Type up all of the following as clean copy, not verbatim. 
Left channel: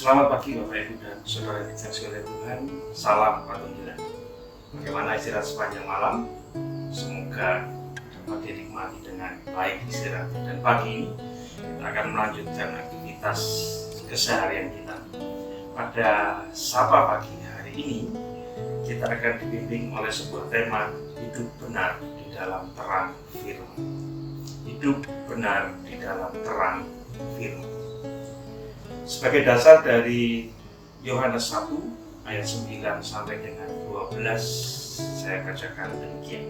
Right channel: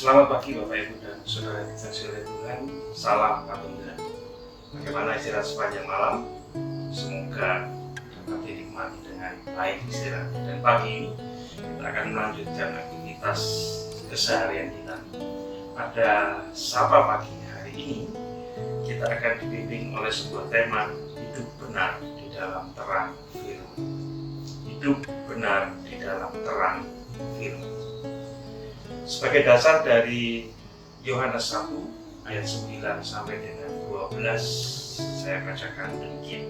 Selamat pagi Bapak Ibu dan Saudara yang dikasihi oleh Tuhan. Salam Patuhilah. Bagaimana istirahat sepanjang malam? Semoga dapat dinikmati dengan baik istirahat. Dan pagi ini kita akan melanjutkan aktivitas keseharian kita. Pada Sapa Pagi hari ini kita akan dibimbing oleh sebuah tema hidup benar di dalam terang firman. Hidup benar di dalam terang firman. Sebagai dasar dari Yohanes 1 ayat 9 sampai dengan 12 saya bacakan demikian.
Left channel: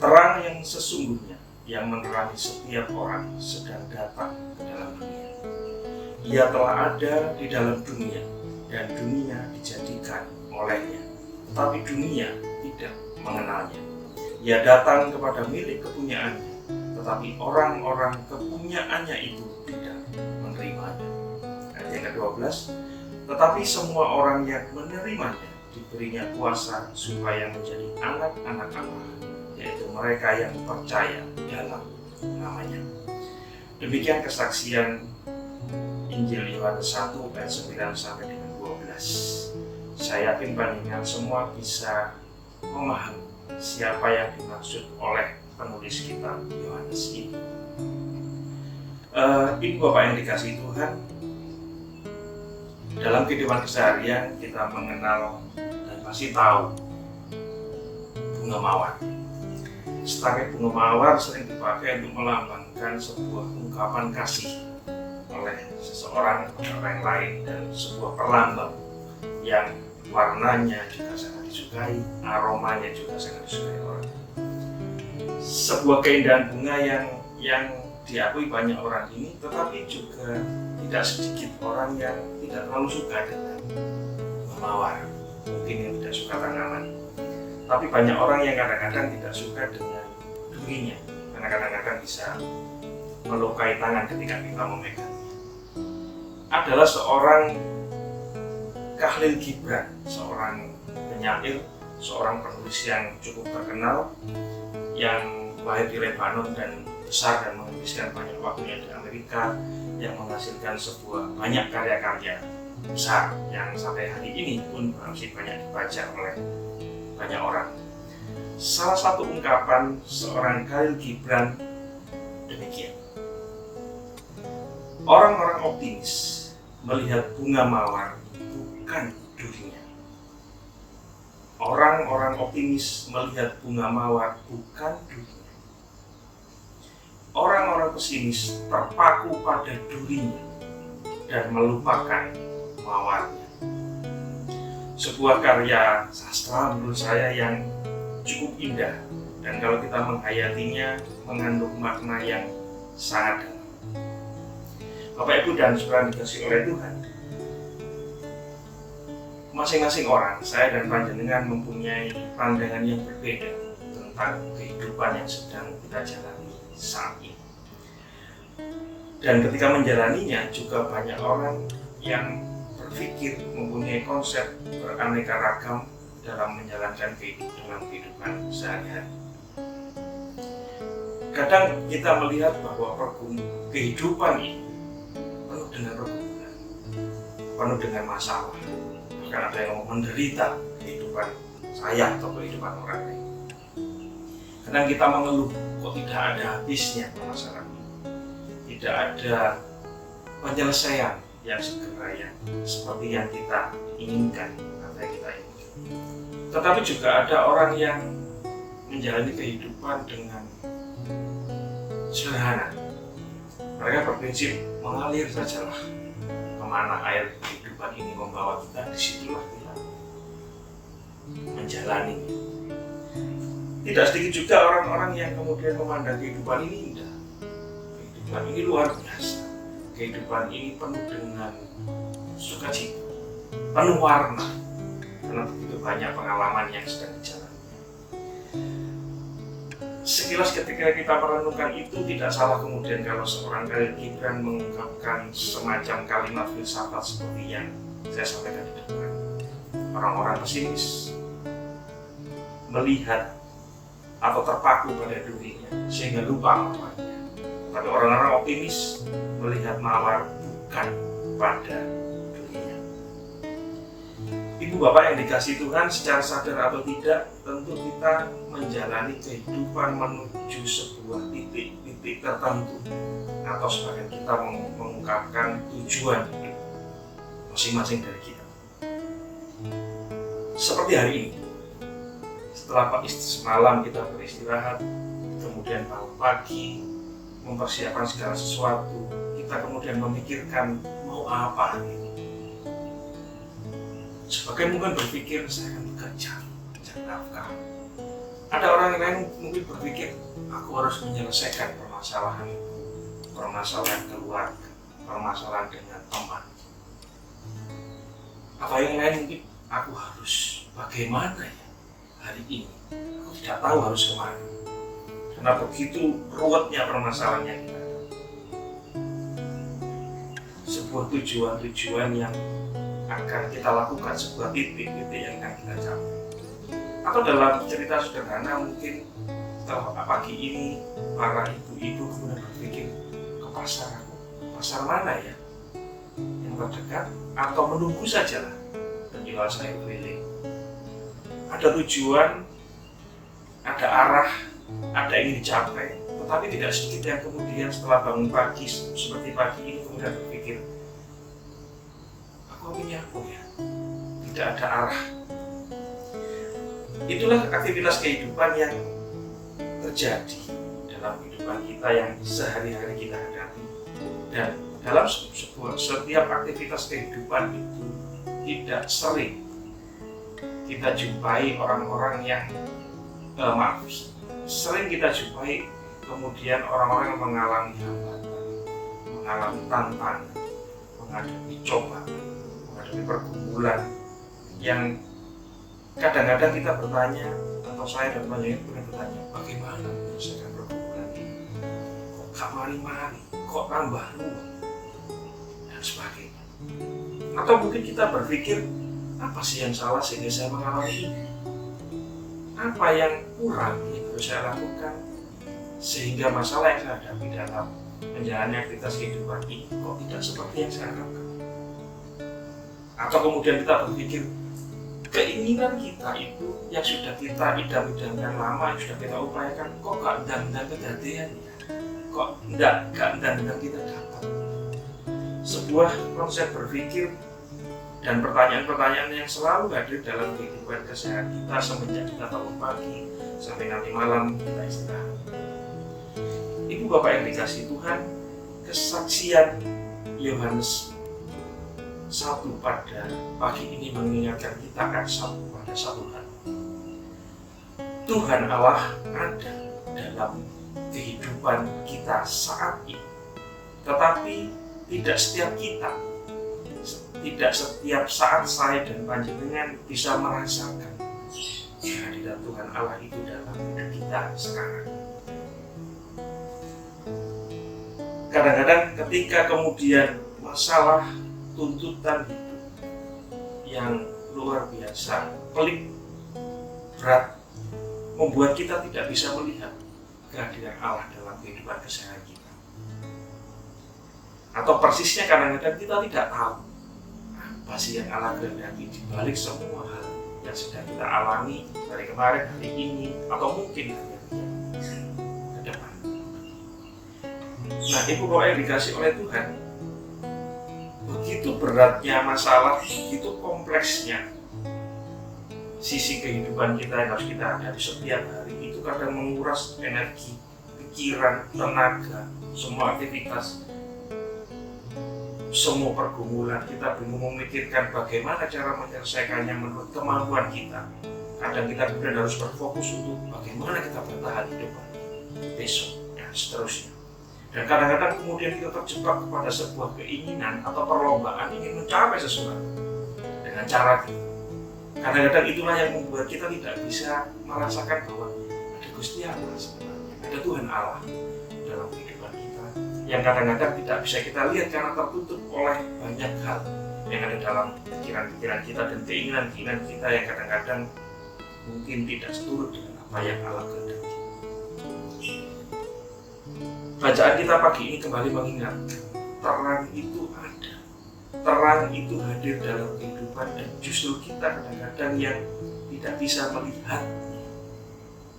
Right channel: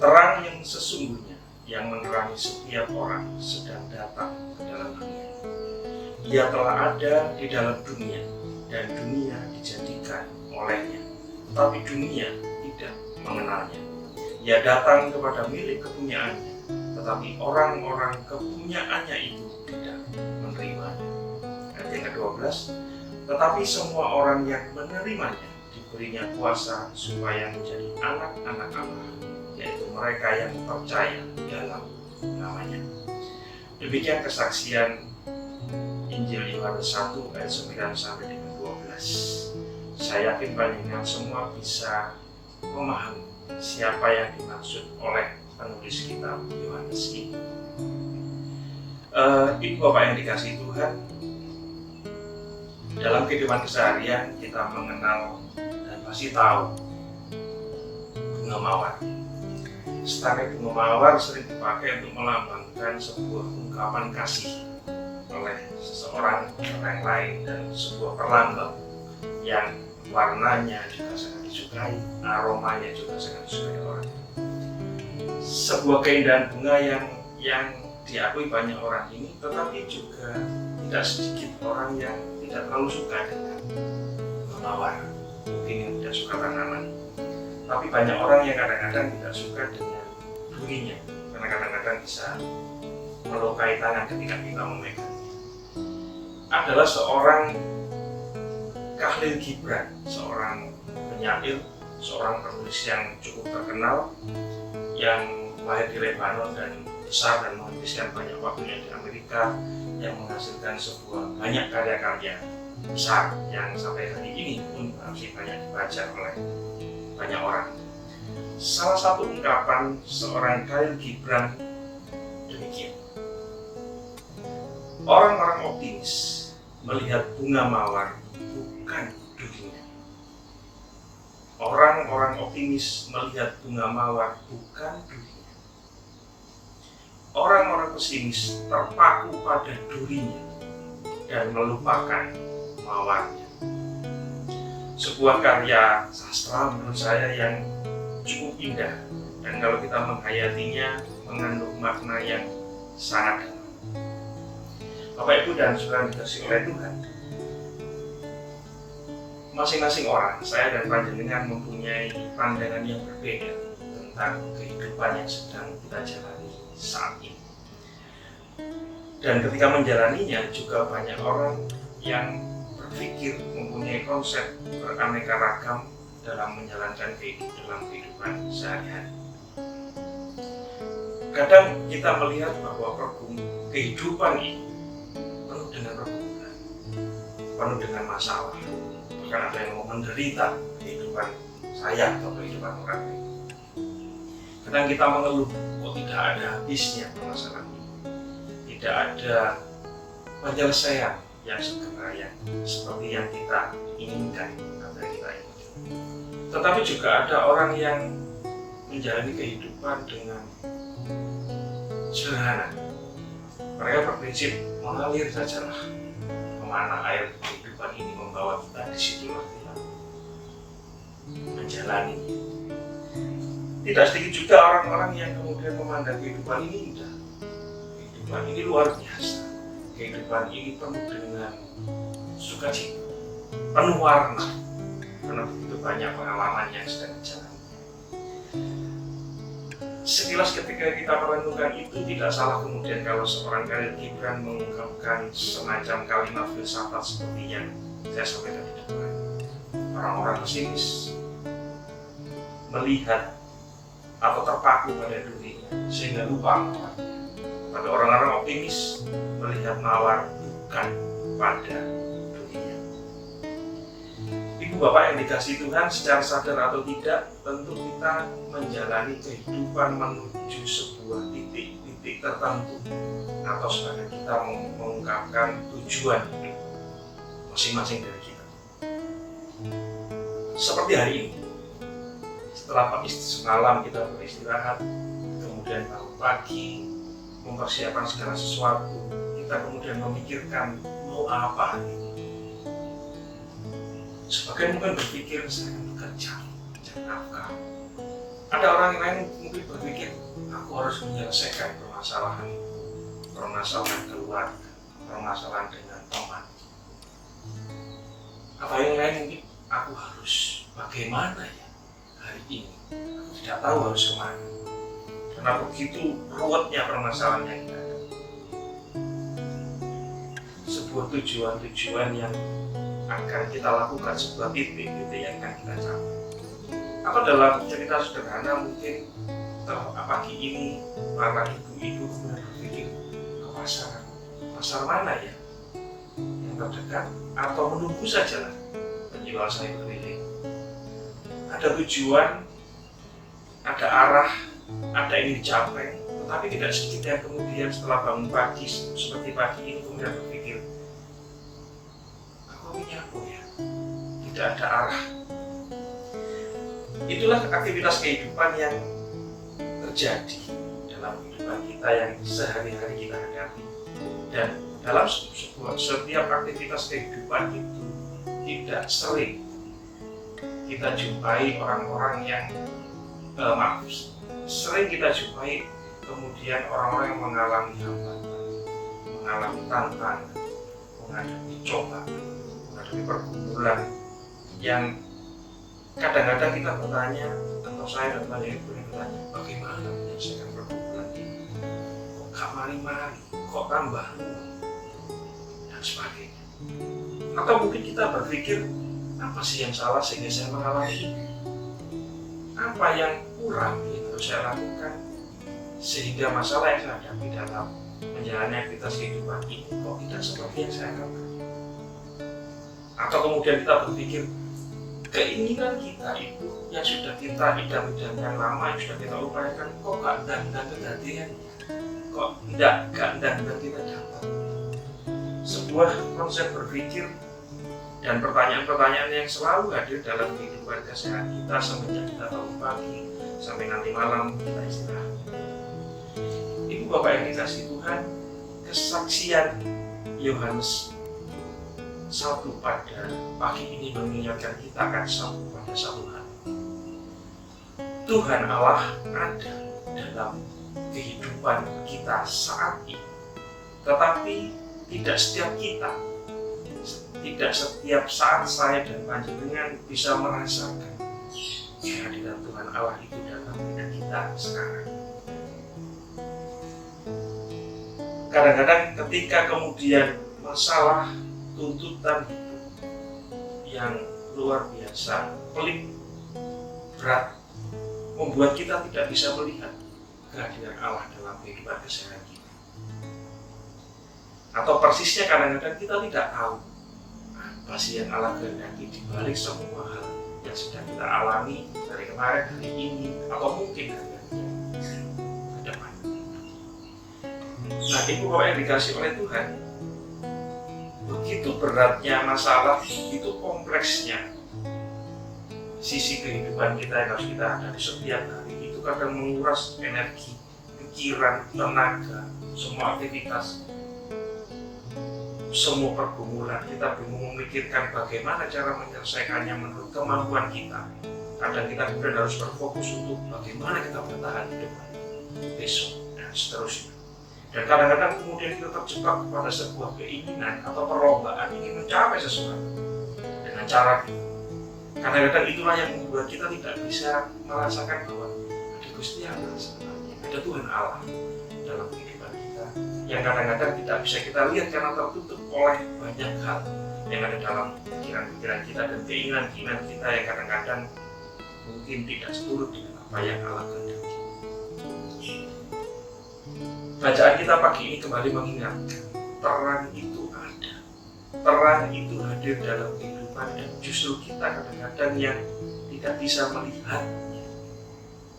Terang yang sesungguhnya yang menerangi setiap orang sedang datang ke dalam dunia. Ia telah ada di dalam dunia dan dunia dijadikan olehnya, tetapi dunia tidak mengenalnya. Ia datang kepada milik kepunyaannya, tetapi orang-orang kepunyaannya itu tidak menerimanya. Ayat yang ke-12, tetapi semua orang yang menerimanya diberinya kuasa supaya menjadi anak-anak Allah, yaitu mereka yang percaya dalam namanya. Demikian kesaksian Injil Yohanes 1 ayat 9 sampai dengan 12. Saya yakin panjenengan semua bisa memahami siapa yang dimaksud oleh penulis kitab Yohanes ini. Ibu Bapak yang dikasihi Tuhan, dalam kehidupan keseharian kita mengenal dan pasti tahu bunga mawar. Setangkai bunga mawar sering dipakai untuk melambangkan sebuah ungkapan kasih oleh seseorang kepada orang lain dan sebuah perlambang yang warnanya juga sangat disukai, aromanya juga sangat disukai orang. Sebuah keindahan bunga yang diakui banyak orang ini, tetapi juga tidak sedikit orang yang tidak terlalu suka dengan bunga mawar. Mungkin yang tidak suka tanaman, tapi banyak orang yang kadang-kadang tidak suka dengan durinya, karena kadang-kadang bisa melukai tangan ketika kita memegangnya. Adalah seorang Khalil Gibran, seorang penyair, seorang penulis yang cukup terkenal, yang lahir di Lebanon dan besar dan menghabiskan banyak waktunya di Amerika, yang menghasilkan sebuah banyak karya-karya besar yang sampai hari ini pun masih banyak dibaca oleh banyak orang. Salah satu ungkapan seorang Khalil Gibran demikian: orang-orang optimis melihat bunga mawar bukan durinya. Orang-orang optimis melihat bunga mawar bukan durinya. Orang-orang pesimis terpaku pada durinya dan melupakan mawarnya. Sebuah karya sastra menurut saya yang cukup indah, dan kalau kita menghayatinya mengandung makna yang sangat dalam. Bapak Ibu dan Saudara dikasihi oleh Tuhan, masing-masing orang, saya dan panjenengan mempunyai pandangan yang berbeda tentang kehidupan yang sedang kita jalani saat ini. Dan ketika menjalaninya juga banyak orang yang berpikir mempunyai konsep beraneka ragam dalam menjalankan kehidupan sehari-hari. Kadang kita melihat bahwa kehidupan ini penuh dengan pergumulan, penuh dengan masalah. Bahkan ada yang menderita kehidupan saya atau kehidupan orang lain. Kadang kita mengeluh, kok tidak ada habisnya permasalahan ini, tidak ada penyelesaian yang segera yang seperti yang kita inginkan atau yang kita inginkan. Tetapi juga ada orang yang menjalani kehidupan dengan sederhana. Mereka berprinsip mengalir sajalah kemana air kehidupan ini membawa kita, disitulah kita menjalaninya. Tidak sedikit juga orang-orang yang kemudian memandang kehidupan ini indah, kehidupan ini luar biasa, kehidupan ini penuh dengan sukacita, penuh warna, karena begitu banyak pengalaman yang sedang dijalani. Sekilas ketika kita merenungkan itu, tidak salah kemudian kalau seorang Khalil Gibran mengungkapkan semacam kalimat filsafat seperti yang saya sampaikan di depan. Orang-orang pesimis melihat atau terpaku pada durinya sehingga lupa mawarnya. Tapi orang-orang optimis melihat mawar bukan kepada dunia. Ibu bapak yang dikasihi Tuhan, secara sadar atau tidak, tentu kita menjalani kehidupan menuju sebuah titik-titik tertentu, atau sebagian kita mengungkapkan tujuan hidup masing-masing dari kita. Seperti hari ini, setelah semalam kita beristirahat, kemudian bangun pagi, mempersiapkan segala sesuatu, kita kemudian memikirkan mau apa ini. Sebagian mungkin berpikir saya akan bekerja, mencari nafkah. Ada orang lain mungkin berpikir aku harus menyelesaikan permasalahan keluarga, permasalahan dengan teman. Apa yang lain mungkin aku harus bagaimana ya hari ini, aku tidak tahu harus kemana. Karena begitu ruwetnya permasalahan yang kita ada. Sebuah tujuan-tujuan yang akan kita lakukan, sebuah titik-titik yang akan kita capai. Atau dalam cerita sederhana mungkin setelah pagi ini para ibu-ibu kemudian berpikir ke pasar mana ya yang terdekat, atau menunggu sajalah penjual sayur keliling. Ada tujuan, ada arah, ada yang dicapai, tetapi tidak sedikit yang kemudian setelah bangun pagi seperti pagi ini kemudian berpikir aku punya apa ya, tidak ada arah. Itulah aktivitas kehidupan yang terjadi dalam kehidupan kita yang sehari-hari kita hadapi. Dan dalam setiap aktivitas kehidupan itu tidak sering kita jumpai orang-orang yang sering kita jumpai kemudian orang-orang yang mengalami hambatan, mengalami tantangan, menghadapi cobaan, menghadapi pergumulan yang kadang-kadang kita bertanya, atau saya dan banyak ibu yang bertanya, bagaimana menyelesaikan pergumulan ini? Kok gak mari-mari, kok tambah ruwet, dan sebagainya. Atau mungkin kita berpikir, apa sih yang salah sehingga saya mengalami ini? Apa yang kurang yang harus saya lakukan sehingga masalah yang saya hadapi dalam menjalani aktivitas kehidupan ini kok tidak seperti yang saya harapkan? Atau kemudian kita berpikir, keinginan kita itu yang sudah kita idam-idamkan lama, yang sudah kita upayakan, kok gak ndang-ndang kejadian ya? Kok gak ndang-ndang kita dapat? Sebuah konsep berpikir dan pertanyaan-pertanyaan yang selalu hadir dalam kehidupan keseharian kita semenjak kita bangun pagi sampai nanti malam kita istirahat. Ibu bapak yang dikasihi Tuhan, kesaksian Yohanes 1 pada pagi ini mengingatkan kita akan satu hal. Tuhan Allah ada dalam kehidupan kita saat ini, tetapi tidak setiap kita, tidak setiap saat saya dan panjenengan bisa merasakan kehadiran Tuhan Allah itu dalam hidup kita sekarang. Kadang-kadang ketika kemudian masalah, tuntutan hidup yang luar biasa, pelik, berat, membuat kita tidak bisa melihat kehadiran Allah dalam kehidupan keseharian kita. Atau persisnya kadang-kadang kita tidak tahu apa sih yang Allah kehendaki di balik semua hal yang sedang kita alami dari kemarin, hari ini, atau mungkin hari ke depan. Nah, ibu bapak yang dikasih oleh Tuhan, begitu beratnya masalah, begitu kompleksnya sisi kehidupan kita yang harus kita hadapi setiap hari, itu kadang menguras energi, pikiran, tenaga, semua aktivitas, semua pergumulan. Kita bingung memikirkan bagaimana cara menyelesaikannya menurut kemampuan kita. Kadang kita kemudian harus berfokus untuk bagaimana kita bertahan hidup besok dan seterusnya. Dan kadang-kadang kemudian kita terjebak kepada sebuah keinginan atau perlombaan ingin mencapai sesuatu dengan cara kita. Kadang-kadang itulah yang membuat kita tidak bisa merasakan bahwa ada Gusti Allah sebenarnya, ada Tuhan Allah dalam kehidupan kita, yang kadang-kadang tidak bisa kita lihat karena tertutup oleh banyak hal yang ada dalam pikiran-pikiran kita dan keinginan-keinginan kita yang kadang-kadang mungkin tidak seturut dengan apa yang Allah kehendaki. Bacaan kita pagi ini kembali mengingatkan terang itu ada terang itu hadir dalam kehidupan dan justru kita kadang-kadang yang tidak bisa melihatnya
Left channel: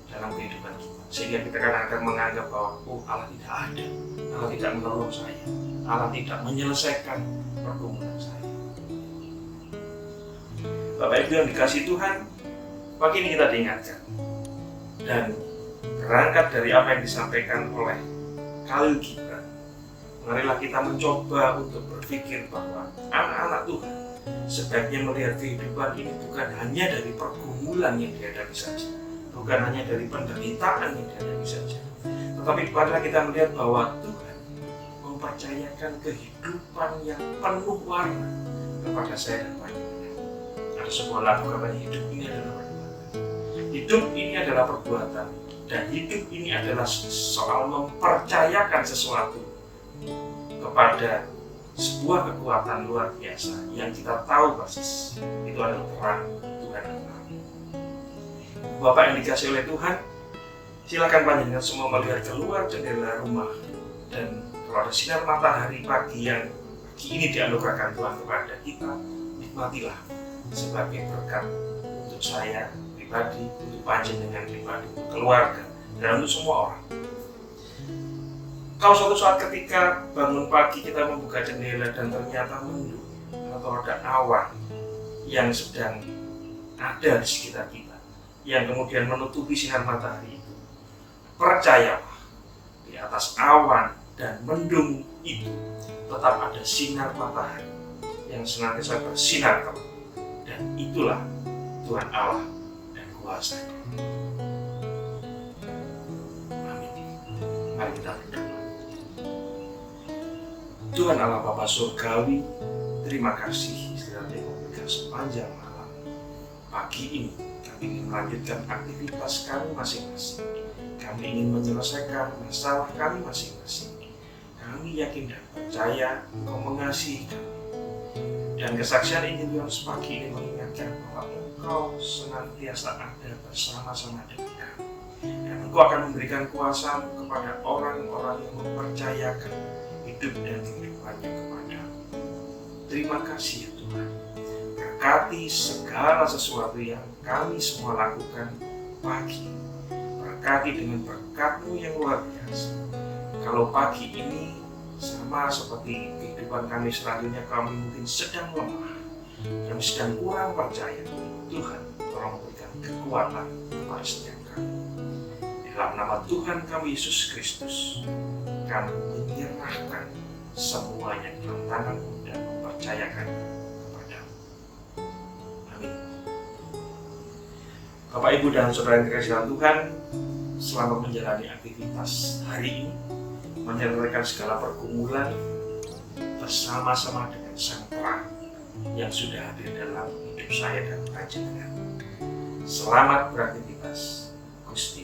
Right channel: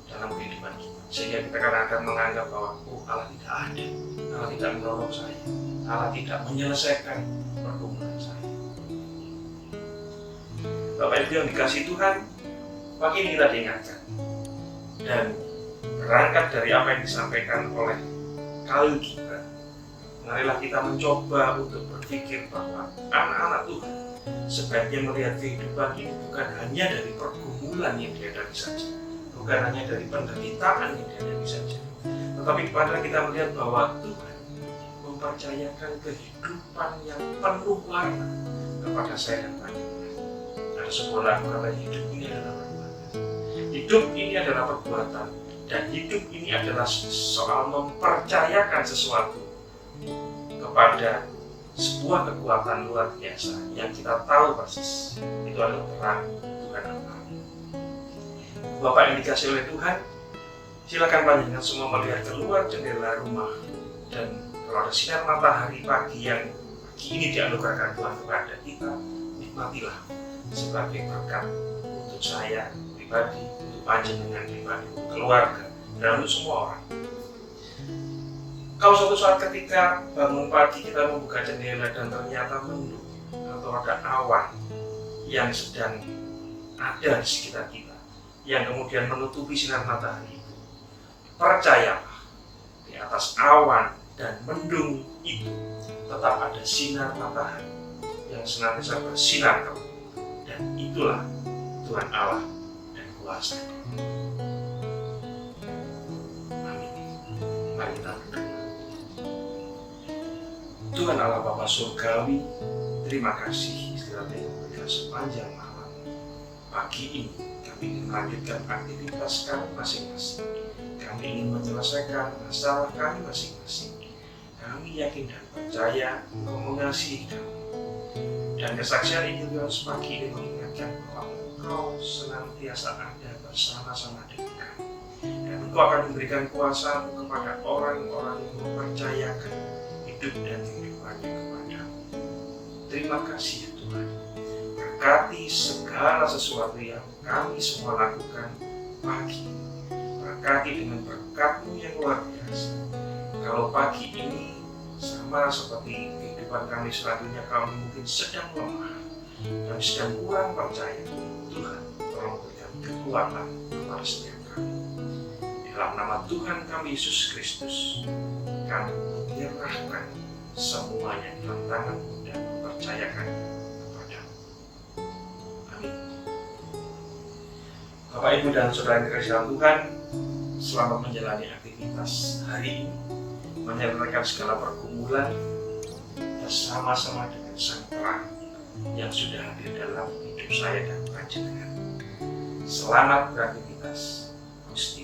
dalam kehidupan kita. Sehingga kita kadang-kadang menganggap bahwa Allah tidak ada, Allah tidak menolong saya, Allah tidak menyelesaikan pergumulan saya. Bapak Ibu yang dikasihi Tuhan, pagi ini kita diingatkan dan berangkat dari apa yang disampaikan oleh Khalil Gibran, marilah kita mencoba untuk berpikir bahwa anak-anak Tuhan sebaiknya melihat kehidupan ini bukan hanya dari pergumulan yang dihadapi saja, bukan hanya dari penderitaan yang dihadapi saja, tetapi marilah kita melihat bahwa Tuhan mempercayakan kehidupan yang penuh warna kepada saya dan Pak. Ada sebuah lagu katanya, hidup ini adalah perbuatan. Hidup ini adalah perbuatan, dan hidup ini adalah soal mempercayakan sesuatu kepada sebuah kekuatan luar biasa yang kita tahu persis itu adalah terang Tuhan Allah. Bapak yang dikasihi oleh Tuhan, silakan panjenengan semua melihat keluar jendela rumah, dan kalau ada sinar matahari pagi yang pagi ini dianugerahkan Tuhan kepada kita, nikmatilah sebagai berkat untuk saya pribadi, untuk panjenengan pribadi, untuk keluarga, dan untuk semua orang. Kalau suatu saat ketika bangun pagi kita membuka jendela dan ternyata mendung atau ada awan yang sedang ada di sekitar kita, yang kemudian menutupi sinar matahari itu, percayalah di atas awan dan mendung itu tetap ada sinar matahari yang senantiasa bersinar terang, dan itulah Tuhan Allah dan kuasa. Amin. Mari kita berdoa. Tuhan Allah Bapa Surgawi, terima kasih istilahnya memberikan sepanjang malam. Pagi ini kami ingin melanjutkan aktivitas kami masing-masing. Kami ingin menyelesaikan masalah kami masing-masing. Kami yakin dan percaya Engkau mengasihi kami. Dan kesaksian Injil Yohanes pagi ini mengingatkan bahwa Engkau senantiasa ada bersama-sama dengan kami. Dan Engkau akan memberikan kuasa-Mu kepada orang-orang yang mempercayakan hidup dan kehidupannya kepadamu. Terima kasih ya Tuhan. Berkati segala sesuatu yang kami semua lakukan pagi ini. Berkati dengan berkat-Mu yang luar biasa. Kalau pagi ini sama seperti kehidupan kami selanjutnya, kami mungkin sedang lemah, kami sedang kurang percaya, Tuhan tolong berikan kekuatan kepada setiap kami. Dalam nama Tuhan kami Yesus Kristus, kami menyerahkan semuanya dalam tangan-Mu dan mempercayakan kepada-Mu. Amin. Bapak, Ibu, dan Saudara yang dikasihi dalam Tuhan, selamat menjalani aktivitas hari ini, menyelesaikan segala pergumulan bersama-sama dengan Sang Terang yang sudah hadir dalam hidup saya dan panjenengan. Selamat beraktivitas, Gusti